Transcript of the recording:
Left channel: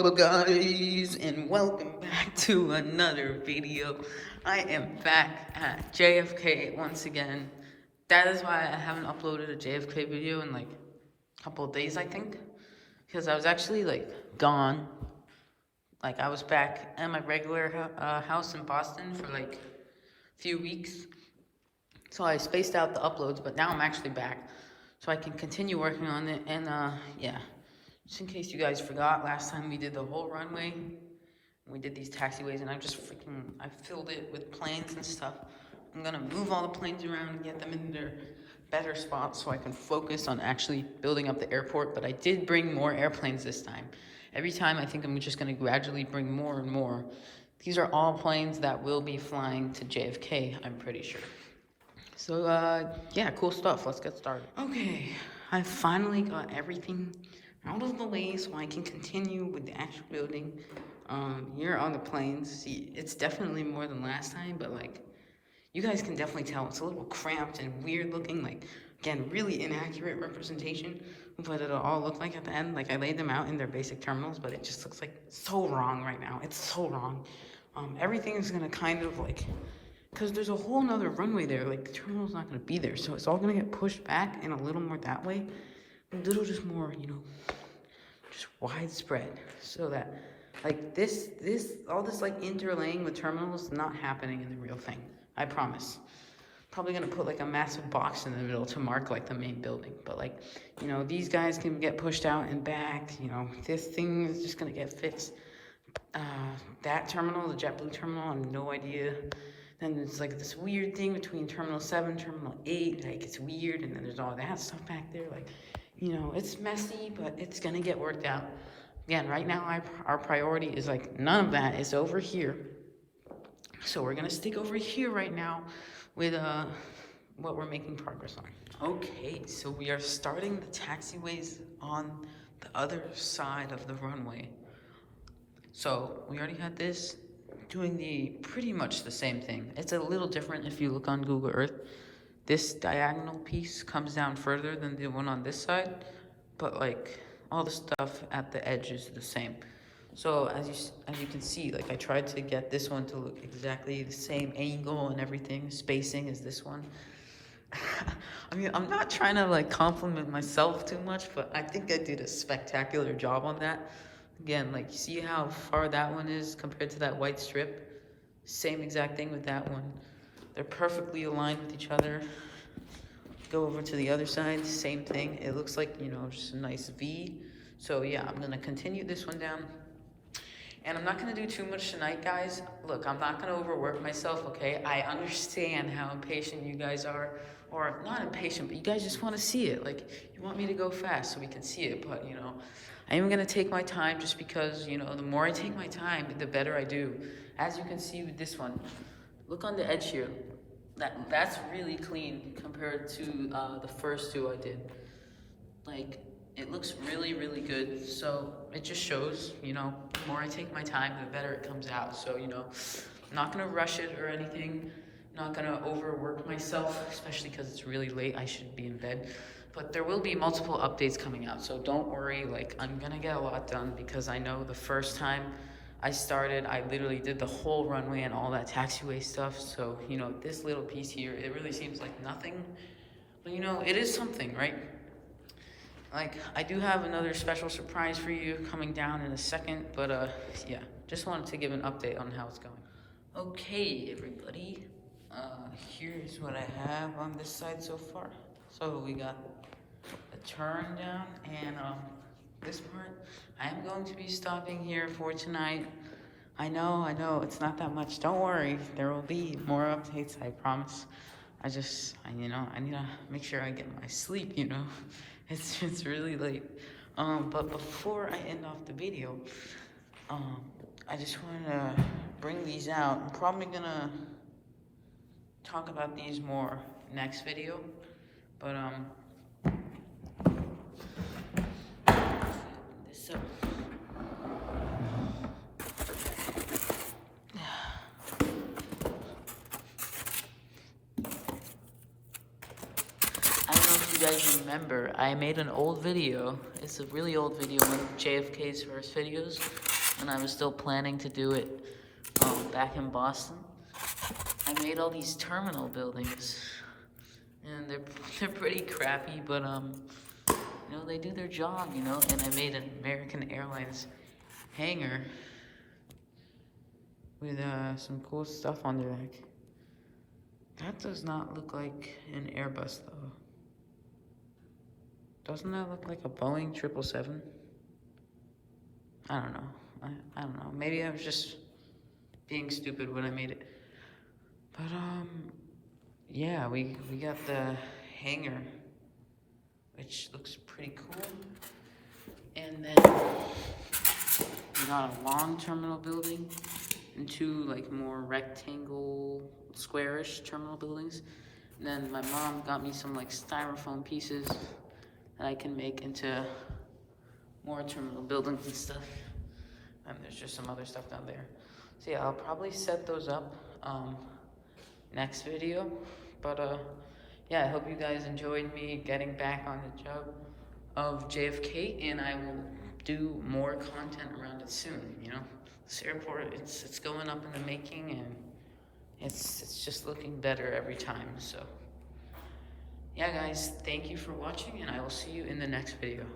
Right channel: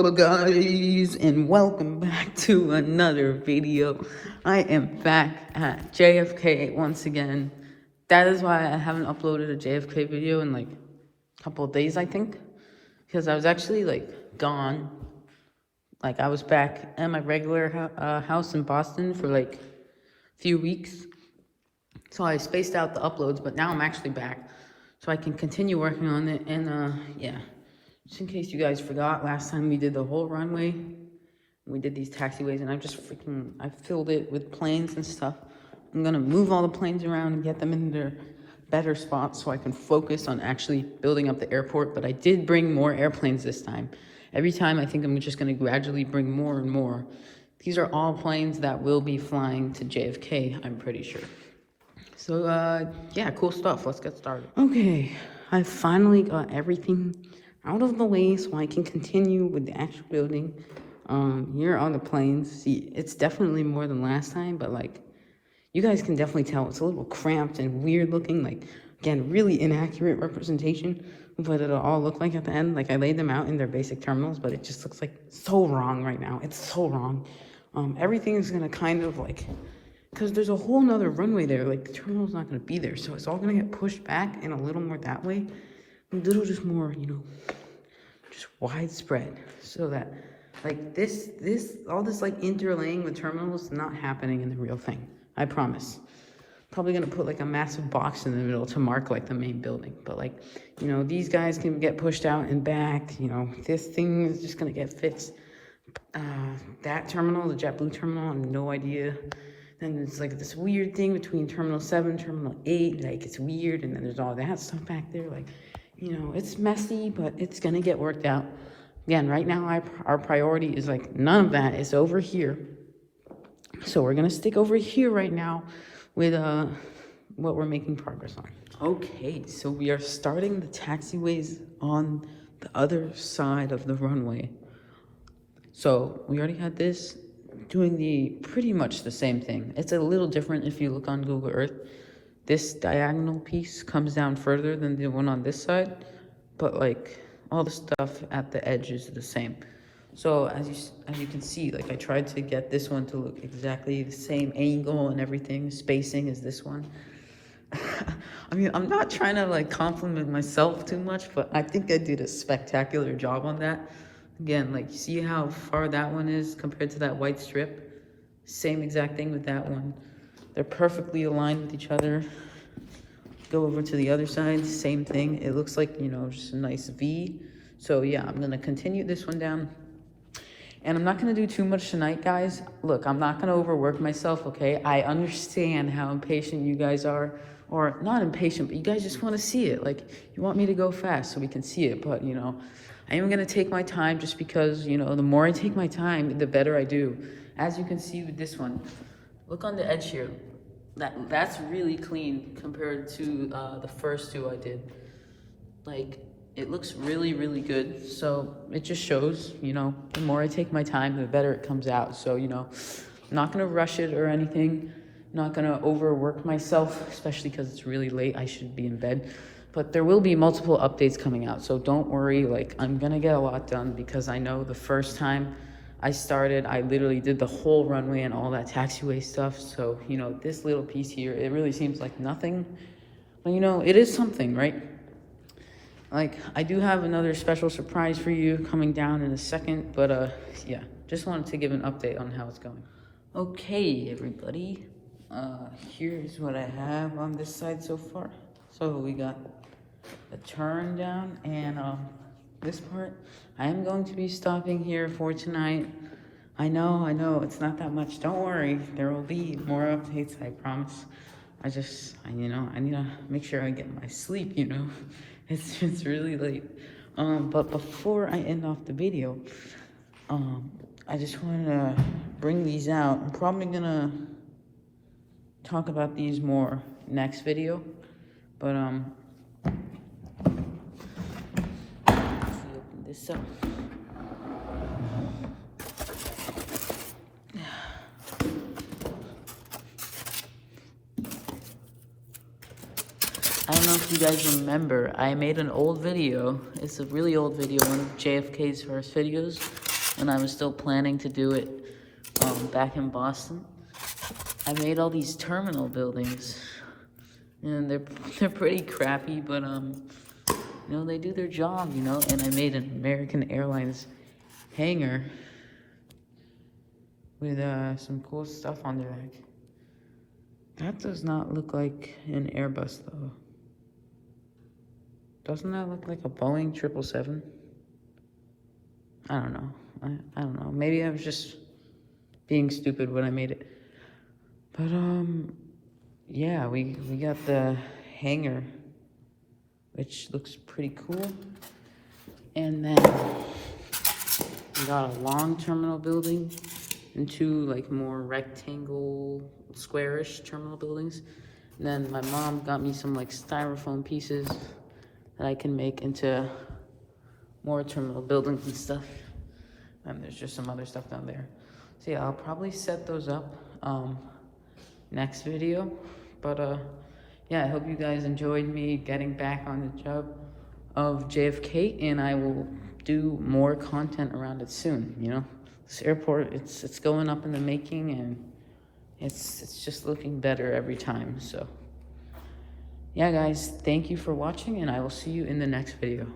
Hello guys, and welcome back to another video. I am back at JFK once again. That is why I haven't uploaded a JFK video in like a couple of days, I think, because I was actually like gone. Like I was back at my regular house in Boston for like a few weeks, so I spaced out the uploads, but now I'm actually back, so I can continue working on it. And yeah, just in case you guys forgot, last time we did the whole runway. We did these taxiways, and I filled it with planes and stuff. I'm gonna move all the planes around and get them in their better spots so I can focus on actually building up the airport. But I did bring more airplanes this time. Every time I think I'm just gonna gradually bring more and more. These are all planes that will be flying to JFK, I'm pretty sure. So, yeah, cool stuff. Let's get started. Okay, I finally got everything out of the way so I can continue with the actual building. Here are the planes. See, it's definitely more than last time, but like, you guys can definitely tell it's a little cramped and weird looking. Like, again, really inaccurate representation of what it'll all look like at the end. Like, I laid them out in their basic terminals, but it just looks like so wrong right now. It's so wrong. Everything is gonna kind of like, because there's a whole nother runway there, like the terminal's not gonna be there, so it's all gonna get pushed back and a little more that way, a little just more, you know, just widespread, so that like all this like interlaying with terminals is not happening in the real thing. I promise. Probably gonna put like a massive box in the middle to mark like the main building, but like, you know, these guys can get pushed out and back. You know, this thing is just gonna get fixed. That terminal, the JetBlue terminal, I have no idea. And it's like this weird thing between Terminal 7, Terminal 8, like it's weird, and then there's all that stuff back there, like, you know, it's messy, but it's gonna get worked out. Again, right now, our priority is like, none of that is over here. So we're gonna stick over here right now with what we're making progress on. Okay, so we are starting the taxiways on the other side of the runway. So we already had this, doing pretty much the same thing. It's a little different if you look on Google Earth. This diagonal piece comes down further than the one on this side, but like all the stuff at the edge is the same. So as you can see, like I tried to get this one to look exactly the same angle and everything, spacing as this one. I mean, I'm not trying to like compliment myself too much, but I think I did a spectacular job on that. Again, like, see how far that one is compared to that white strip? Same exact thing with that one. They're perfectly aligned with each other. Go over to the other side, same thing. It looks like, you know, just a nice V. So yeah, I'm gonna continue this one down. And I'm not gonna do too much tonight, guys. Look, I'm not gonna overwork myself, okay? I understand how impatient you guys are. Or not impatient, but you guys just wanna see it. Like, you want me to go fast so we can see it, but you know, I am gonna take my time just because, you know, the more I take my time, the better I do. As you can see with this one, look on the edge here. That's really clean compared to the first two I did. Like, it looks really, really good. So it just shows, you know, the more I take my time, the better it comes out. So, you know, I'm not gonna rush it or anything. I'm not gonna overwork myself, especially because it's really late. I should be in bed. But there will be multiple updates coming out, so don't worry. Like, I'm gonna get a lot done because I know the first time I started, I literally did the whole runway and all that taxiway stuff. So, you know, this little piece here, it really seems like nothing. But, you know, it is something, right? Like, I do have another special surprise for you coming down in a second, but, yeah, just wanted to give an update on how it's going. Okay, everybody, here's what I have on this side so far. So we got a turn down, and this part, I am going to be stopping here for tonight. I know, it's not that much. Don't worry, there will be more updates, I promise. You know, I need to make sure I get my sleep, you know. It's really late. But before I end off the video, I just wanted to bring these out. I'm probably gonna talk about these more next video, but this up. I don't know if you guys remember, I made an old video. It's a really old video, one of JFK's first videos, when I was still planning to do it back in Boston. I made all these terminal buildings, and they're pretty crappy, but you know, they do their job, you know. And I made an American Airlines hangar with some cool stuff on there. Like, that does not look like an Airbus though. Doesn't that look like a Boeing 777? I don't know. I don't know. Maybe I was just being stupid when I made it. But yeah, we got the hangar, which looks pretty cool. And then we got a long terminal building and two like more rectangle, squarish terminal buildings. And then my mom got me some like styrofoam pieces that I can make into more terminal buildings and stuff. And there's just some other stuff down there. So yeah, I'll probably set those up next video. But yeah, I hope you guys enjoyed me getting back on the job of JFK, and I will do more content around it soon. You know, this airport, it's going up in the making, and it's just looking better every time. So yeah, guys, thank you for watching, and I will see you in the next video.